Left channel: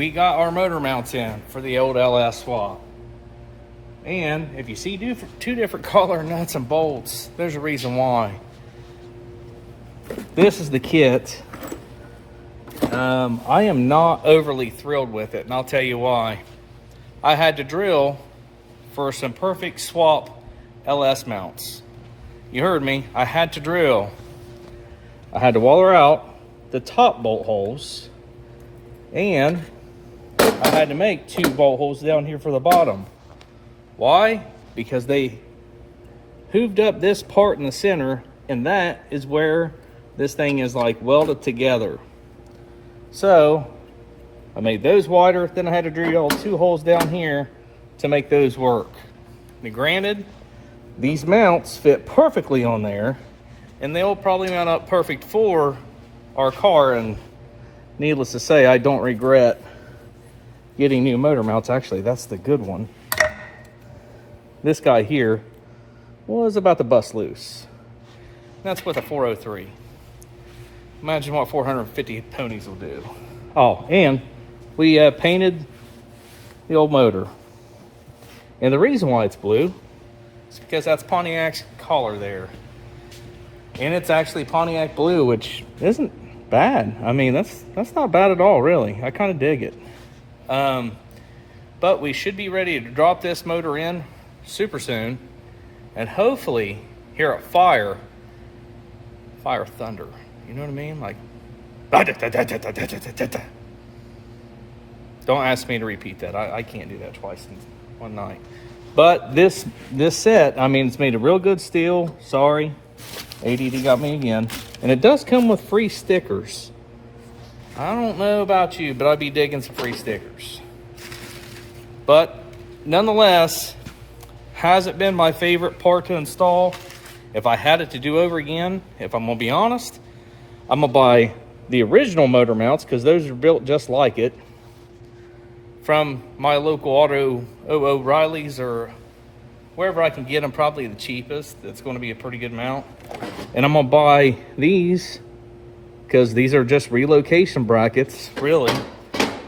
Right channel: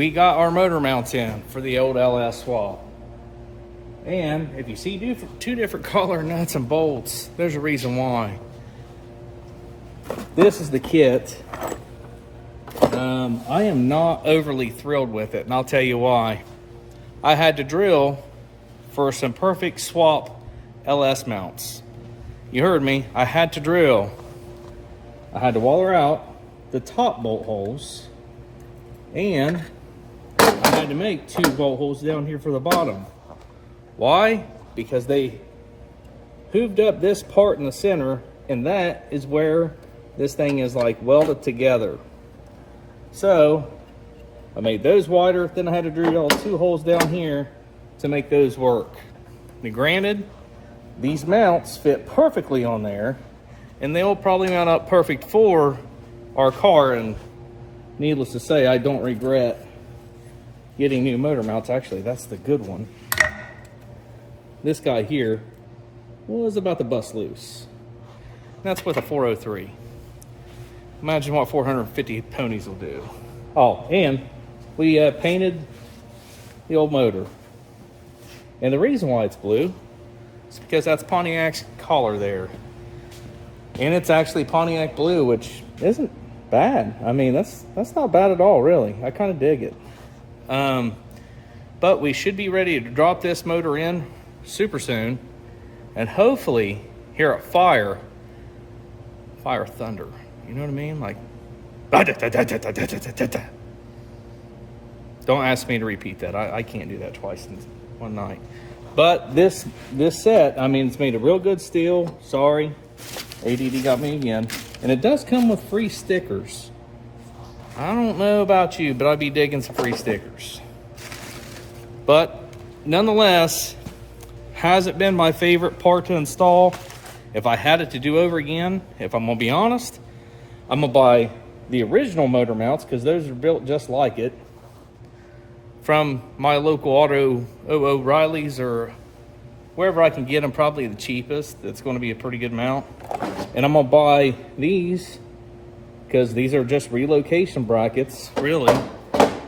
we got our motor mounts in for the old LS swap. And if you see two different color nuts and bolts, there's a reason why. This is the kit. I am not overly thrilled with it, and I'll tell you why. I had to drill for some perfect swap LS mounts. You heard me, I had to drill. I had to waller out the top bolt holes, and I had to make 2 bolt holes down here for the bottom. Why? Because they hooved up this part in the center, and that is where this thing is like welded together. So I made those wider, then I had to drill 2 holes down here to make those work. Now granted, these mounts fit perfectly on there, and they'll probably mount up perfect for our car, and needless to say, I don't regret getting new motor mounts. Actually, that's the good one. This guy here was about to bust loose. That's with a 403. Imagine what 450 ponies will do. Oh, and we painted the old motor. And the reason why it's blue is because that's Pontiac's collar there. And it's actually Pontiac blue, which isn't bad. I mean, that's not bad at all, really. I kind of dig it. But we should be ready to drop this motor in super soon, and hopefully hear a fire thunder. You know what I mean? Like, don't ask me to repeat that. I can't do that twice in one night. But this set, I mean, it's made of real good steel. Sorry, ADD got me again. And it does come with free stickers. I don't know about you, but I'd be digging some free stickers. But nonetheless, hasn't been my favorite part to install. If I had it to do over again, if I'm gonna be honest, I'm gonna buy the original motor mounts, because those are built just like it, from my local auto O'Reilly's or wherever I can get them, probably the cheapest. That's going to be a pretty good mount. And I'm gonna buy these because these are just relocation brackets, really,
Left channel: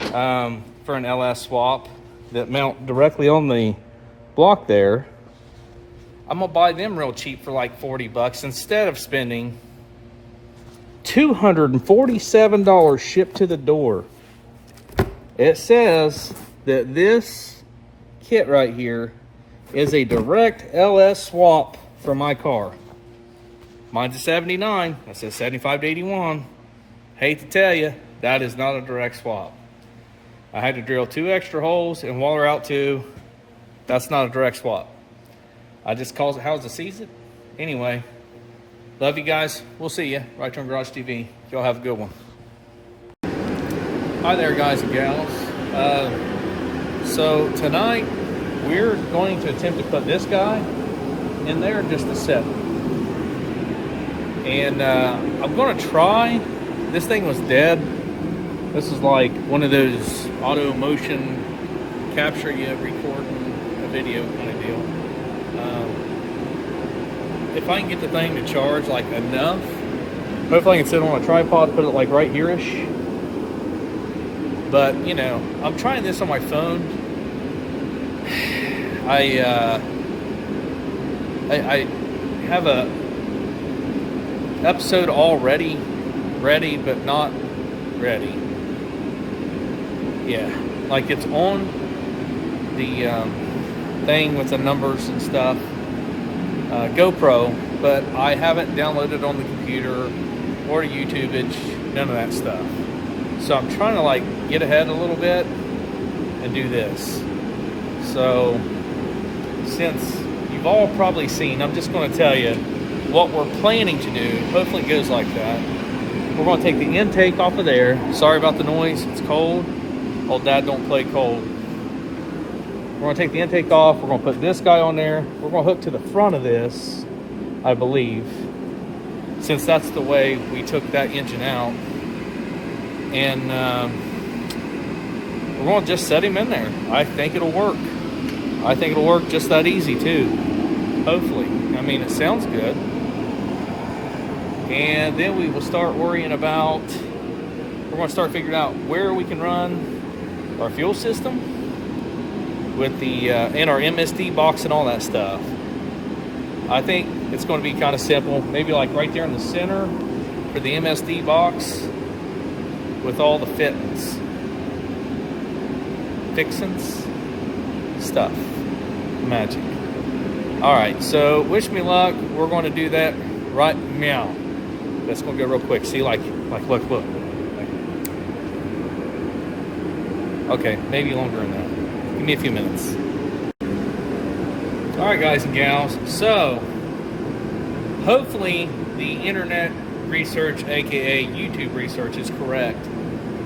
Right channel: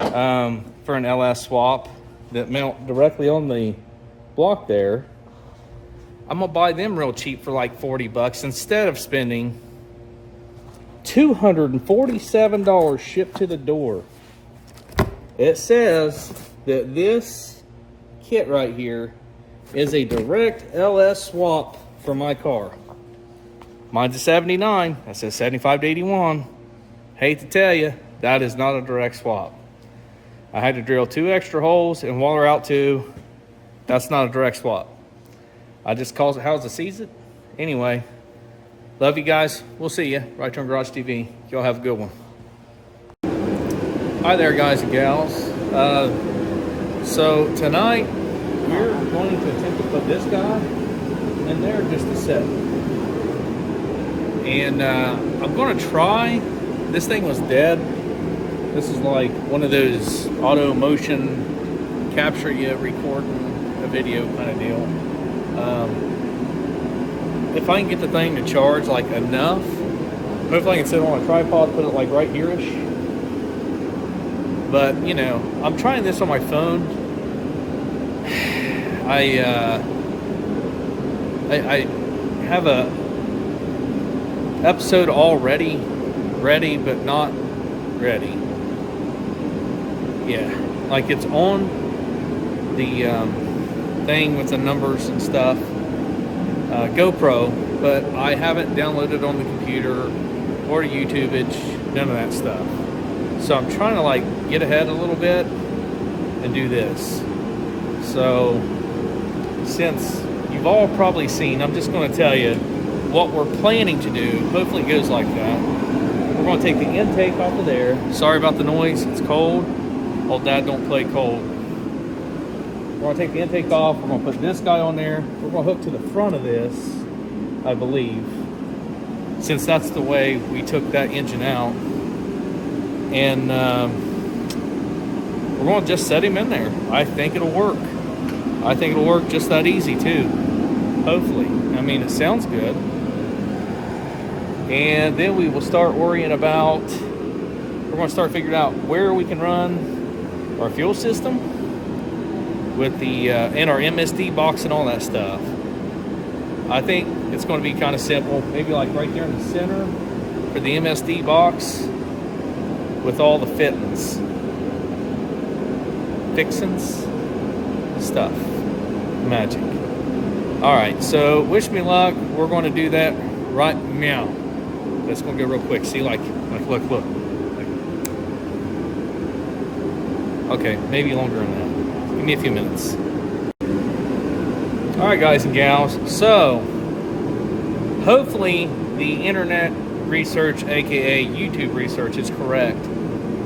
for an LS swap that mount directly on the block there. I'm gonna buy them real cheap for like 40 bucks instead of spending $247 shipped to the door. It says that this kit right here is a direct LS swap for my car. Mine's a 79, that says 75 to 81. Hate to tell you, that is not a direct swap. I had to drill 2 extra holes and waller out 2. That's not a direct swap. I just calls it how's it sees it. Anyway, love you guys. We'll see you. Right Turn Garage TV. Y'all have a good one. Hi there, guys and gals. So tonight we're going to attempt to put this guy in there just a set. And I'm going to try. This thing was dead. This is like one of those auto motion capture you recording a video kind of deal. If I can get the thing to charge like enough, hopefully I can sit it on a tripod, put it like right here-ish. But you know, I'm trying this on my phone. I have a episode already ready, but not ready. Yeah, like it's on the thing with the numbers and stuff, GoPro, but I haven't downloaded on the computer or YouTubeage, none of that stuff. So I'm trying to like get ahead a little bit and do this. So since you've all probably seen, I'm just going to tell you what we're planning to do. Hopefully it goes like that. We're going to take the intake off of there. Sorry about the noise, it's cold. Old Dad don't play cold. We're going to take the intake off. We're going to put this guy on there. We're going to hook to the front of this, I believe, since that's the way we took that engine out. And we're going to just set him in there. I think it'll work. I think it'll work just that easy too. Hopefully. I mean, it sounds good. And then we will start worrying about, we're going to start figuring out where we can run our fuel system with the and our MSD box and all that stuff. I think it's going to be kind of simple. Maybe like right there in the center for the MSD box with all the fixins stuff. Magic. All right, so wish me luck. We're going to do that right now. That's going to go real quick. See, look. Okay, maybe longer than that. Give me a few minutes. All right, guys and gals. So, hopefully the internet research, aka YouTube research, is correct.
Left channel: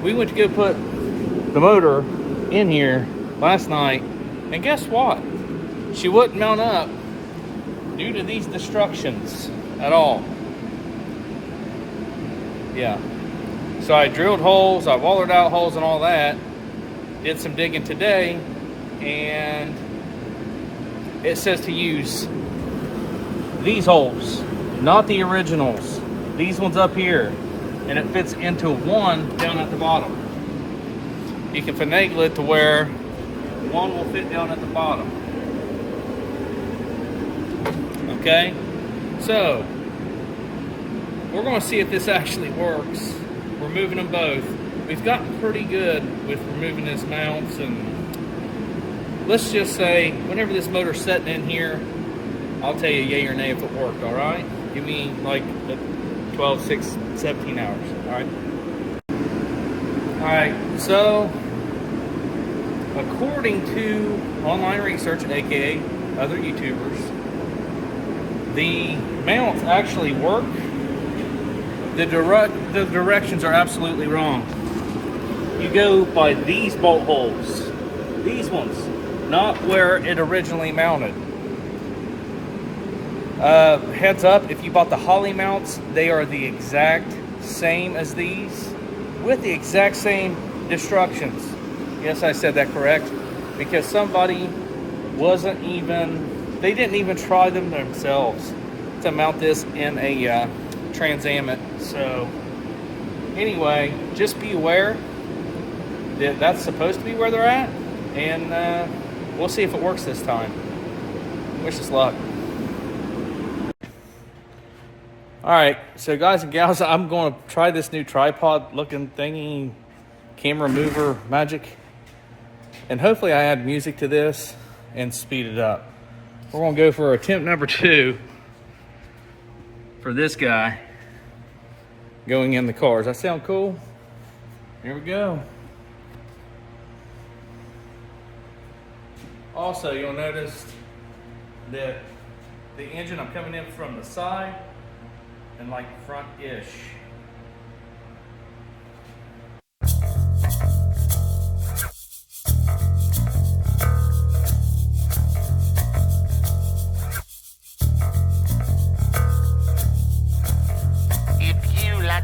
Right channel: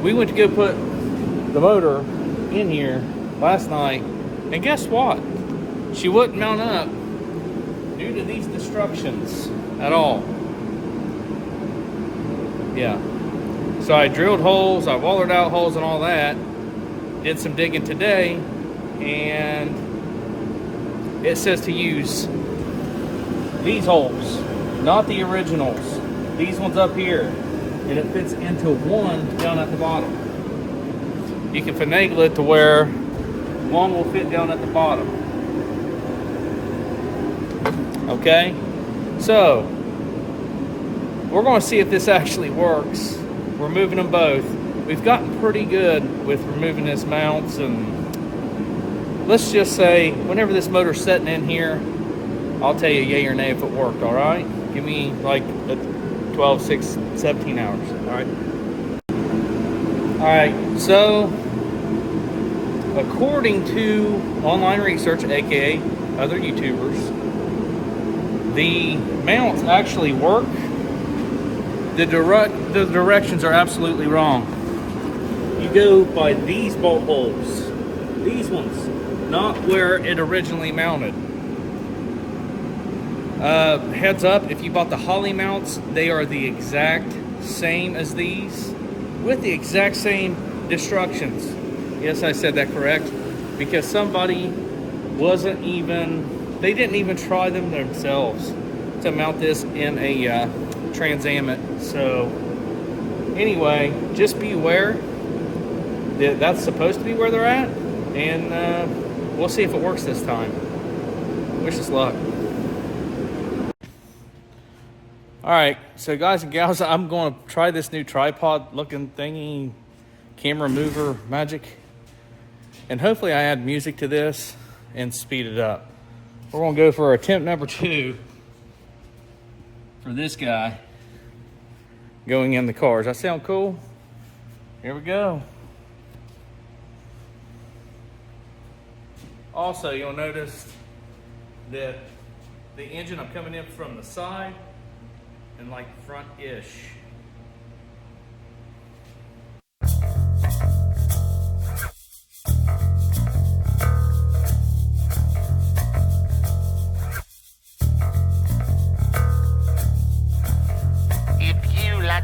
We went to go put the motor in here last night, and guess what? She wouldn't mount up due to these destructions at all. Yeah. So I drilled holes, I wallered out holes and all that. Did some digging today, and it says to use these holes, not the originals. These ones up here, and it fits into one down at the bottom. You can finagle it to where one will fit down at the bottom. Okay, so we're going to see if this actually works. We're moving them both. We've gotten pretty good with removing these mounts, and let's just say whenever this motor's sitting in here, I'll tell you yay or nay if it worked. All right, give me like 12, 6, 17 hours. All right, so according to online research, aka other YouTubers, the mounts actually work. The directions are absolutely wrong. You go by these bolt holes, these ones, not where it originally mounted. Heads up, if you bought the Holley mounts, they are the exact same as these, with the exact same destructions. Yes, I said that correct, because somebody they didn't even try them themselves to mount this in a Trans Am. So anyway, just be aware that that's supposed to be where they're at, and we'll see if it works this time. Wish us luck. All right, so guys and gals, I'm going to try this new tripod looking thingy, camera mover magic, and hopefully I add music to this and speed it up. We're going to go for attempt number 2 for this guy going in the car. Does that sound cool? Here we go. Also, you'll notice that the engine, I'm coming in from the side and like front-ish.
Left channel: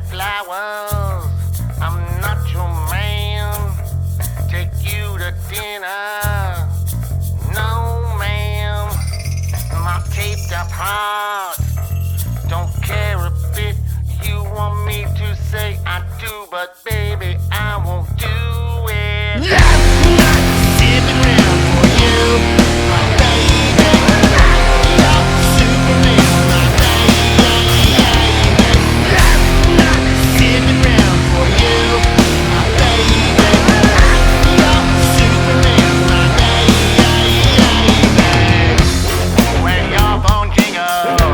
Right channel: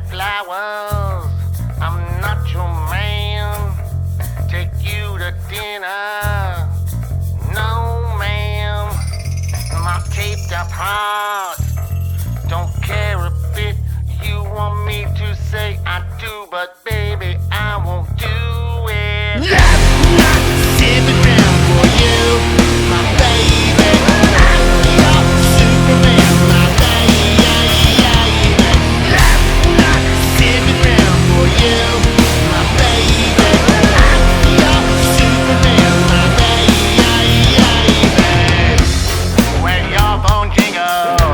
Flowers, I'm not your man. Take you to dinner. No, ma'am. My taped up heart don't care a bit. You want me to say I do, but baby, I won't do it. I'm not sipping around for you, my baby. I'm your Superman, my baby. Sipping round for you, my baby. I'm your Superman, my baby. When your phone jingles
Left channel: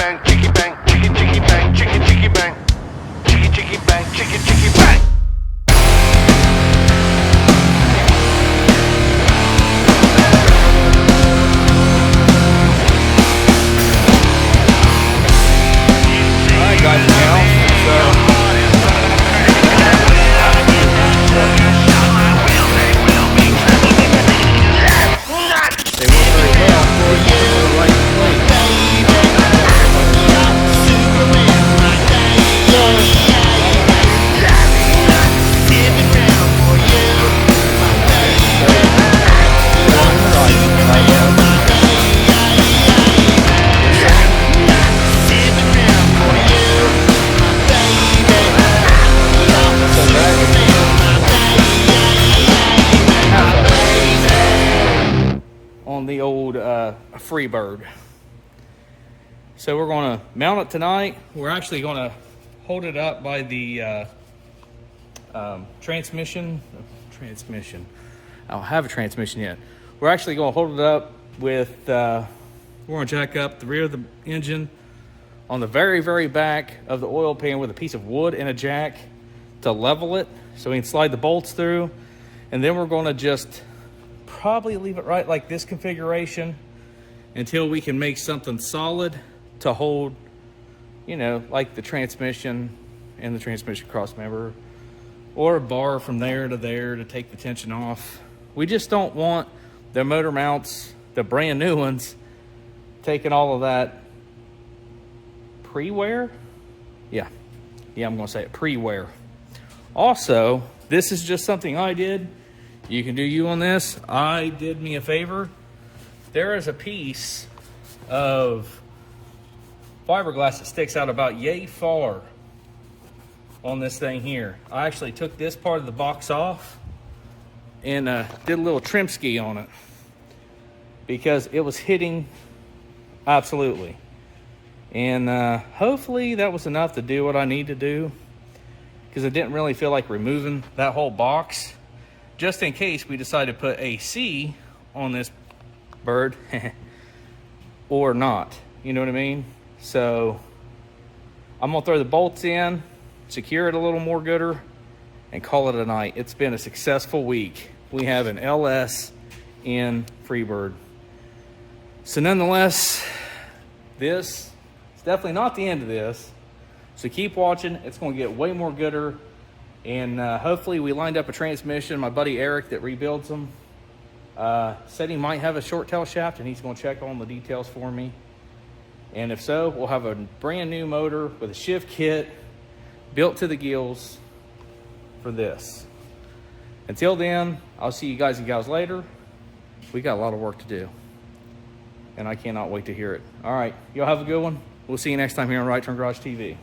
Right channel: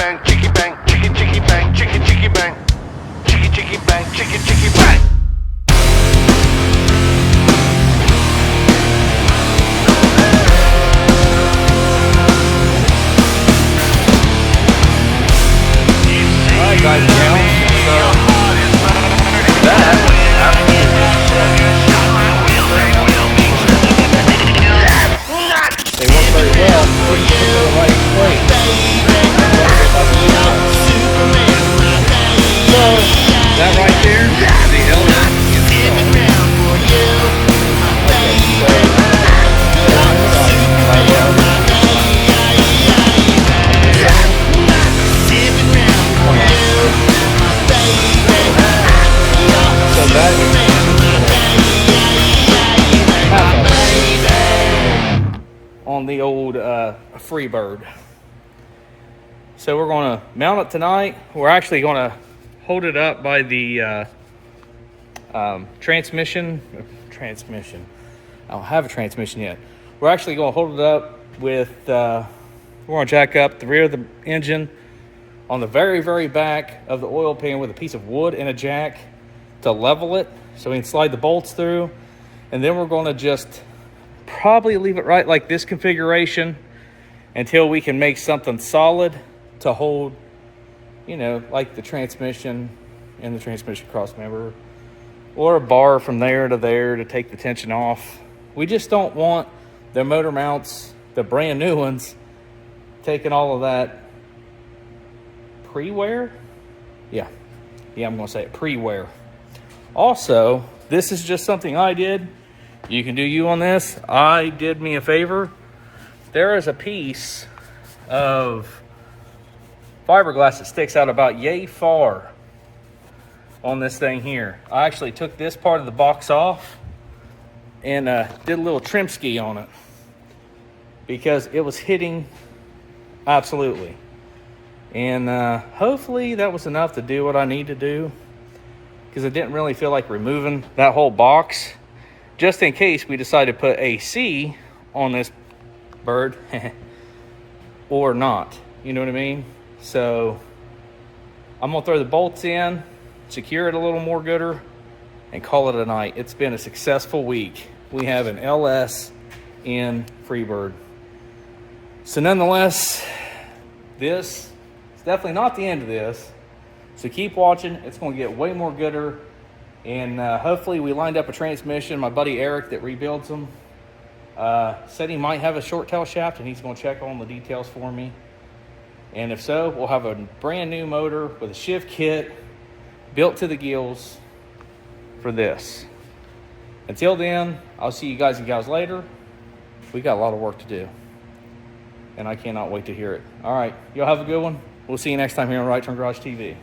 bang, chicky bang, chicky bang, chicky bang, chicky bang, chicky bang. Alright guys, now, they work very well for you, the right place. On the old Freebird. So we're going to mount it tonight. We're actually going to hold it up by the transmission. I don't have a transmission yet. We're actually going to hold it up with, we're going to jack up the rear of the engine on the very, very back of the oil pan with a piece of wood and a jack to level it so we can slide the bolts through. And then we're going to just probably leave it right like this configuration until we can make something solid to hold, you know, like the transmission and the transmission cross member, or a bar from there to there to take the tension off. We just don't want the motor mounts, the brand new ones, taking all of that pre-wear. Yeah, I'm gonna say it, pre-wear. Also, this is just something I did. You can do you on this. I did me a favor. There is a piece of fiberglass that sticks out about yay far on this thing here. I actually took this part of the box off and did a little trim ski on it because it was hitting absolutely. And hopefully that was enough to do what I need to do, because I didn't really feel like removing that whole box, just in case we decide to put AC on this bird or not, you know what I mean? So I'm gonna throw the bolts in, secure it a little more gooder, and call it a night. It's been a successful week. We have an LS in Freebird. So nonetheless, this is definitely not the end of this. So keep watching. It's going to get way more gooder. And hopefully we lined up a transmission. My buddy Eric that rebuilds them said he might have a short tail shaft, and he's going to check on the details for me. And if so, we'll have a brand new motor with a shift kit built to the gills for this. Until then, I'll see you guys and gals later. We got a lot of work to do, and I cannot wait to hear it. All right, y'all have a good one. We'll see you next time here on Right Turn Garage TV.